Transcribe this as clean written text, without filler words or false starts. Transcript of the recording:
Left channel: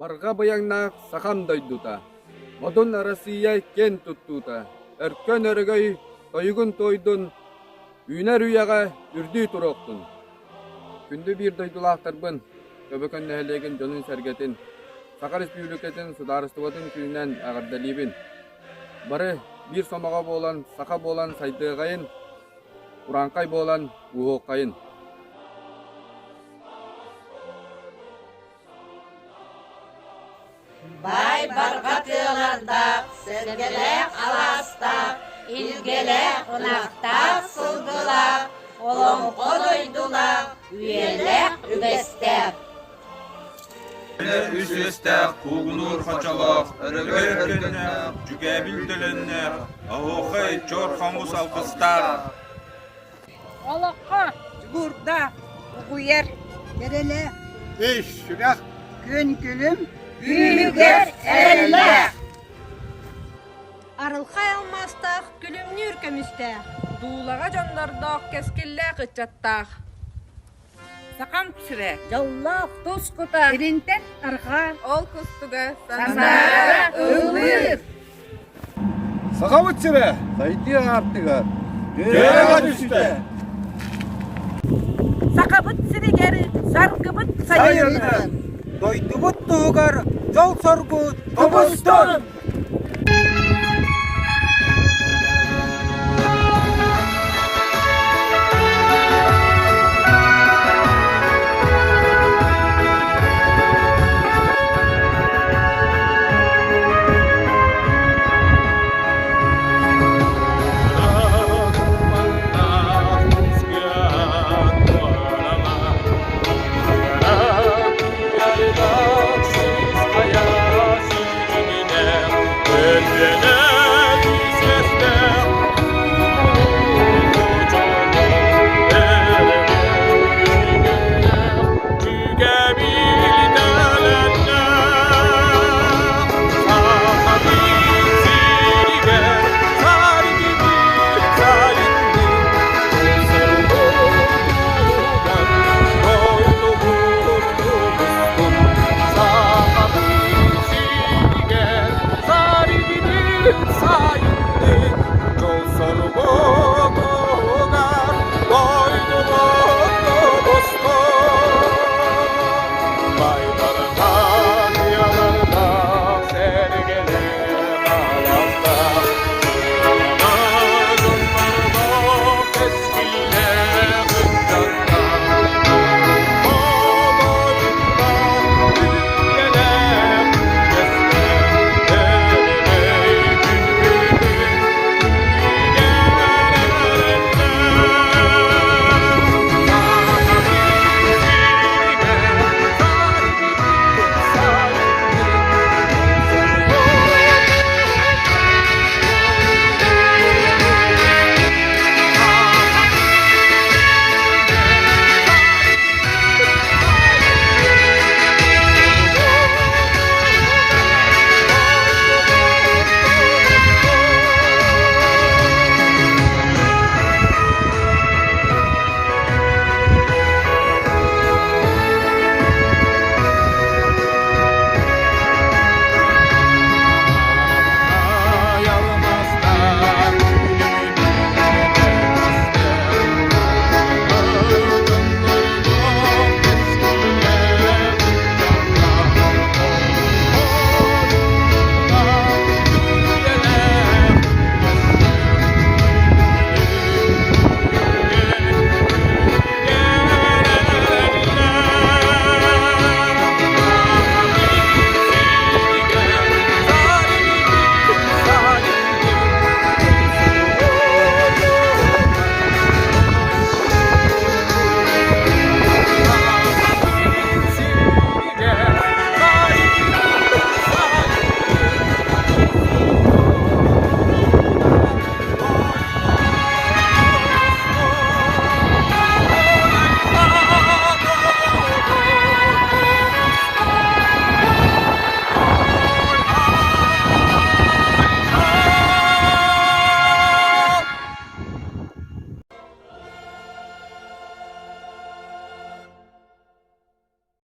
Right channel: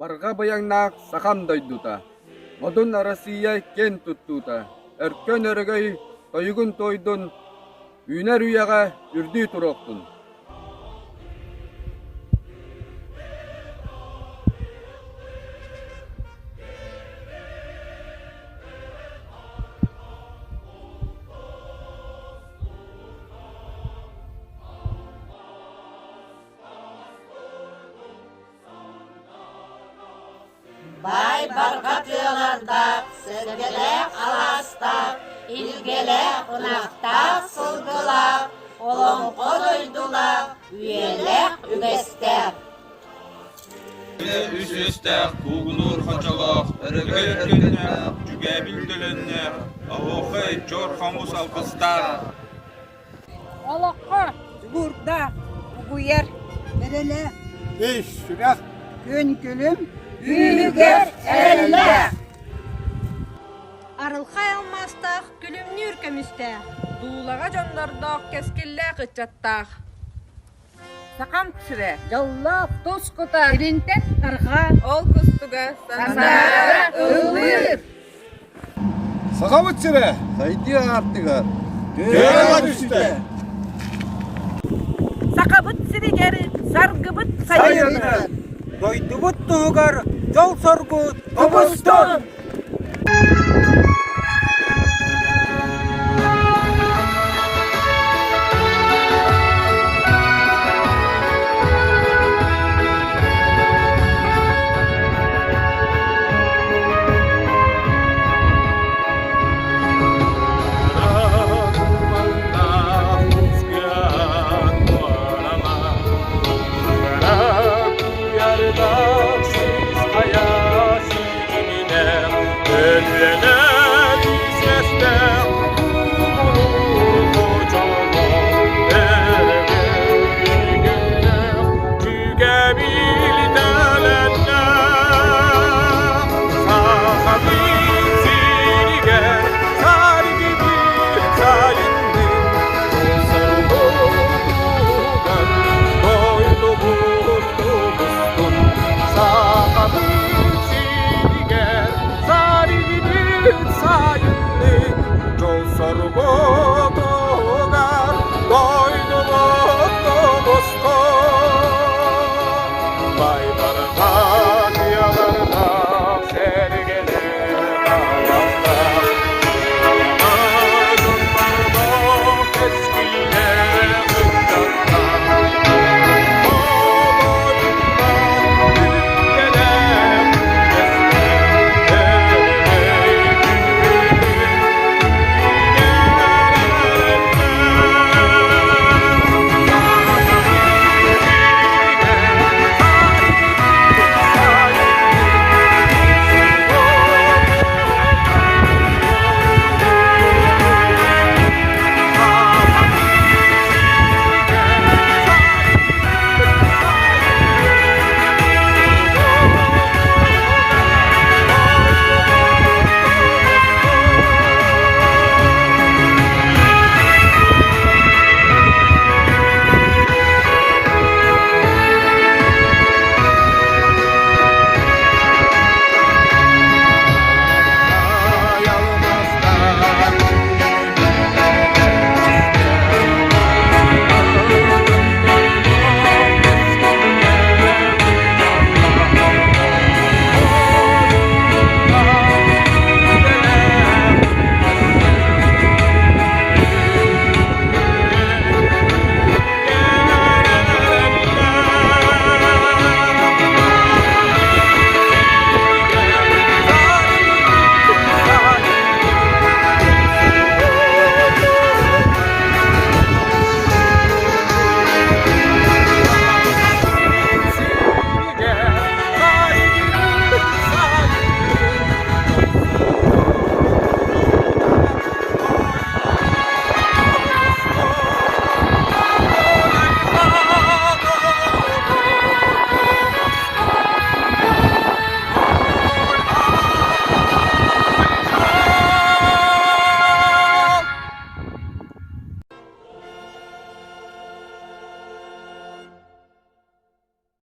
Barga bayangnak sakam doyduta. Modun Россия кен tuttuta. Erkön örgöy toygun toydun. Üner üyaga ürdü turoktun. Kündü bir doydulaqtarbın. Kobyakon нэһилиэгин жонун сәргетін. Саха Republic Судаарыстыбаннаһын күнүнэн эҕэрдэлибин. Бары bir somаға болан, саха болан сайдыгайын, уранкай болан уоқайын. Бай барғатыларда, сәргелек аласта, илгелек ұнақта сылдыла, олонқо дойдула, үйелек үбесте. Üsüstək, kuğunur xaçalaq, ərgərkənək, cügə bildilenək, ahoqay, cor xamus alqıstar. Oloqqa, gurda, uğuyer, Nerele, Eş, şürak, gün gülüm, büyüger elle. Арылхай алмастақ, күлімні үркемістақ, дулаға жандардақ, кескелләқ үтчаттақ. Сақам түсіре, Жоллап, тұз құта, Иринтен арға, Ол күстігі сандара ылыр. Саха бітсіре, сайды артыға, төреға түсті. Сақа бұт сірегері, сарғы бұт сайырды. Дойды бұт тұғар, жол сорғы, тұбыстын. Sayın, yol soru